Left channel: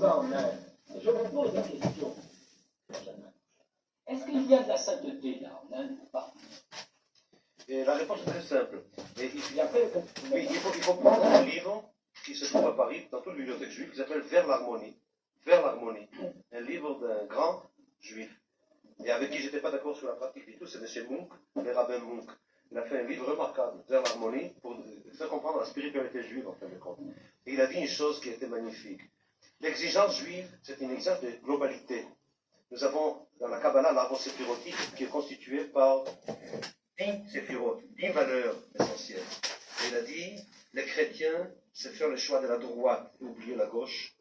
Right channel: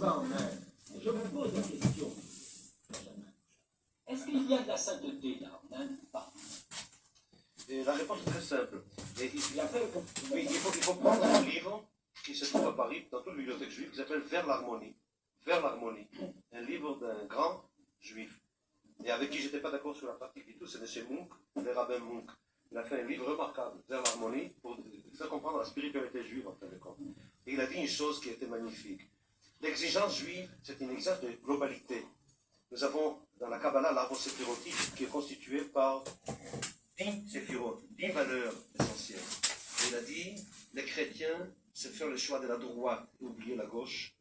Je vous pose la question, Benjamin. Est-ce qu'il y a de la sainteté là en Inde ou pas? Et la réponse est très simple. Et Il a fait comme... oui, il faut prendre un livre qui se trouve à Paris, dans toute bibliothèque juive, qui s'appelle Vers l'harmonie. Vers l'harmonie. Un livre d'un grand juif. Et avec qui je n'étais pas d'accord sur la pratique du tout, c'est M. Munk, le rabbin Munk. Il a fait un livre remarquable, Vers l'harmonie, pour faire comprendre la spiritualité juive en fin de compte. Et il a dit une chose qui était magnifique. L'exigence juive, c'est une exigence de globalité. Nous avons dans la Kabbalah l'arbre séphirotique qui est constitué par 10 séphirotes, 10 valeurs essentielles. Et il a dit, les chrétiens, c'est faire le choix de la droite et oublier la gauche.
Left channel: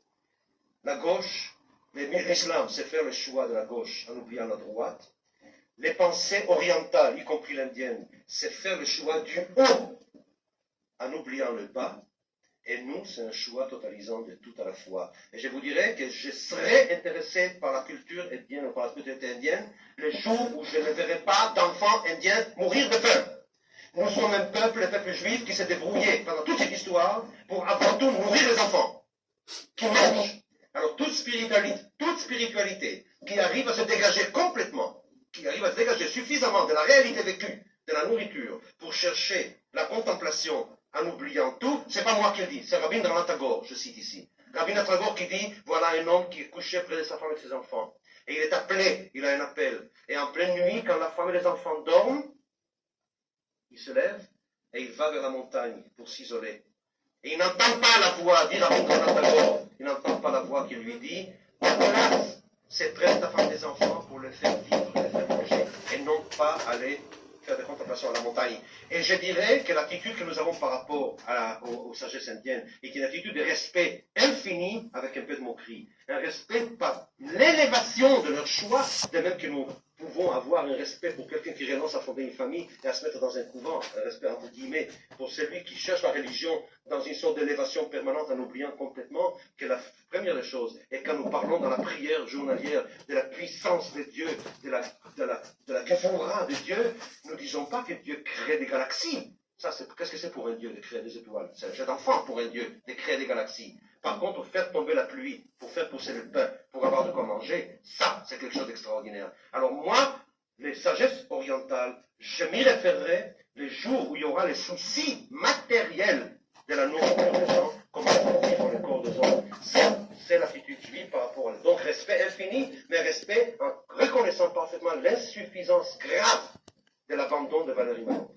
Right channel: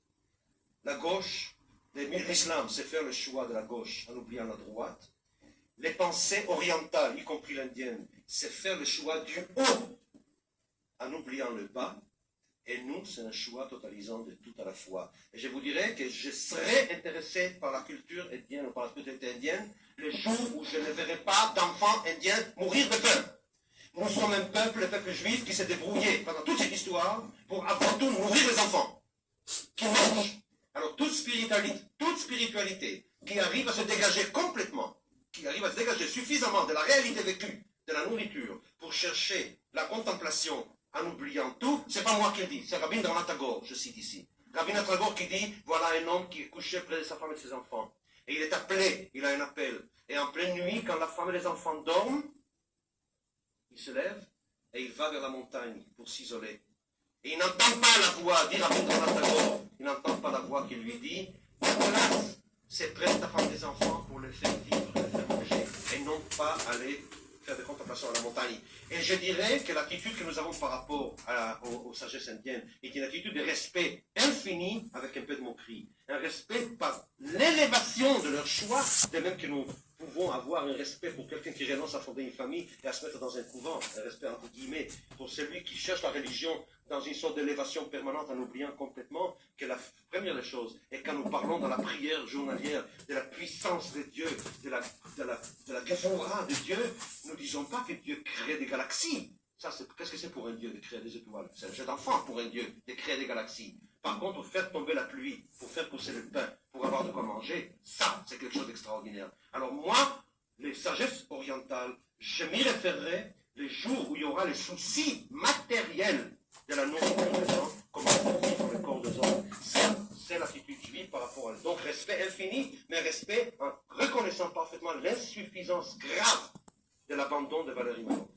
La gauche, l'islam, c'est faire le choix de la gauche en oubliant la droite. Les pensées orientales, y compris l'indienne, c'est faire le choix du haut en oubliant le bas. Et nous, c'est un choix totalisant de tout à la fois. Et je vous dirais que je serais intéressé par la culture indienne ou par la spiritualité indienne le jour où je ne verrai pas d'enfants indiens mourir de faim. Nous sommes un peuple, le peuple juif, qui s'est débrouillé pendant toute cette histoire pour avant tout nourrir les enfants qui mangent. Alors toute spiritualité qui arrive à se dégager complètement, qui arrive à se dégager suffisamment de la réalité vécue, de la nourriture, pour chercher la contemplation en oubliant tout, c'est pas moi qui le dis, c'est Rabindranath Tagore, je cite ici. Rabindranath Tagore qui dit, voilà un homme qui est couché près de sa femme et de ses enfants. Et il est appelé, il a un appel. Et en pleine nuit, quand la femme et les enfants dorment, il se lève et il va vers la montagne pour s'isoler. Et il n'entend pas la voix, dit Rabindranath Tagore, il n'entend pas la voix qui lui dit, place, c'est près de ta femme et des enfants pour le faire vivre, le faire manger, et non pas aller faire des contemplations à la montagne. Et je dirais que l'attitude que nous avons par rapport aux sagesses indiennes est une attitude de respect infini avec un peu de moquerie. Un respect par l'élévation de leur choix, de même que nous pouvons avoir un respect pour quelqu'un qui renonce à fonder une famille et à se mettre dans un couvent, un respect entre guillemets pour celui qui cherche la religion dans une sorte d'élévation permanente en oubliant complètement que la première des choses est quand nous parlons dans la prière journalière de la puissance de Dieu, de la Kevorah de Dieu, nous ne disons pas que Dieu crée des galaxies. Ça, qu'est-ce que c'est pour un Dieu de créer des étoiles? C'est un jeu d'enfant pour un Dieu de créer des galaxies. Par contre, faire tomber la pluie, pour faire pousser le pain, pour avoir de quoi manger, ça, c'est quelque chose d'extraordinaire. Alors moi, les sagesses orientales, je m'y référerai les jours où il y aura les soucis matériels de la nourriture des gens, comment vivre le corps des hommes. Ça, c'est l'attitude juive par rapport à eux. Donc, respect infini, mais respect en reconnaissant parfaitement l'insuffisance grave de l'abandon de valeurs immanentes.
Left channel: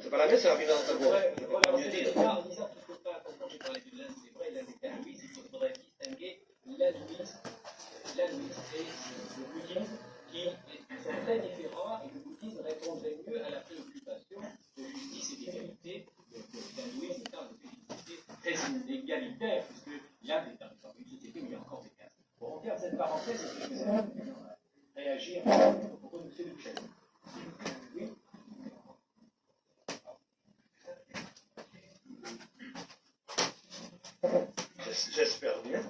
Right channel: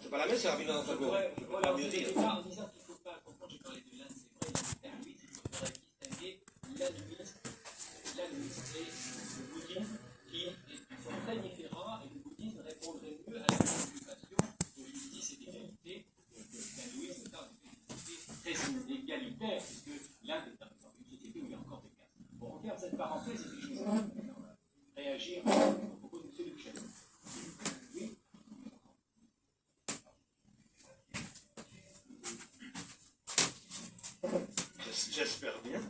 C'est pas la même, c'est la finance de Voilà, mieux dire. En disant qu'il ne faut pas comprendre, j'ai parlé de l'Inde, c'est vrai, il y a l'hindouisme, il faudrait distinguer l'hindouisme et le bouddhisme, qui sont très différents, et le bouddhisme répondrait mieux à la préoccupation de justice et d'égalité. L'hindouisme parle de félicité très inégalitaire, puisque l'Inde est une société où il y a encore des castes. Bon, on ferme cette parenthèse et puis je vais réagir au propos de M. Duchesne. Oui. J'espère bien.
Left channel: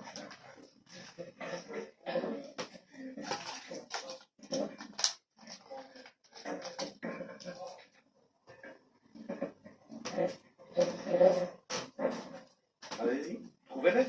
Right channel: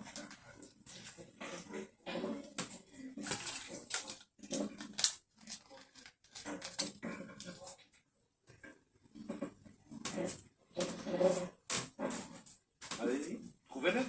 Allez-y, trouvez-les.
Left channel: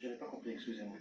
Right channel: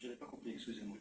Je n'ai pas compris, excusez-moi.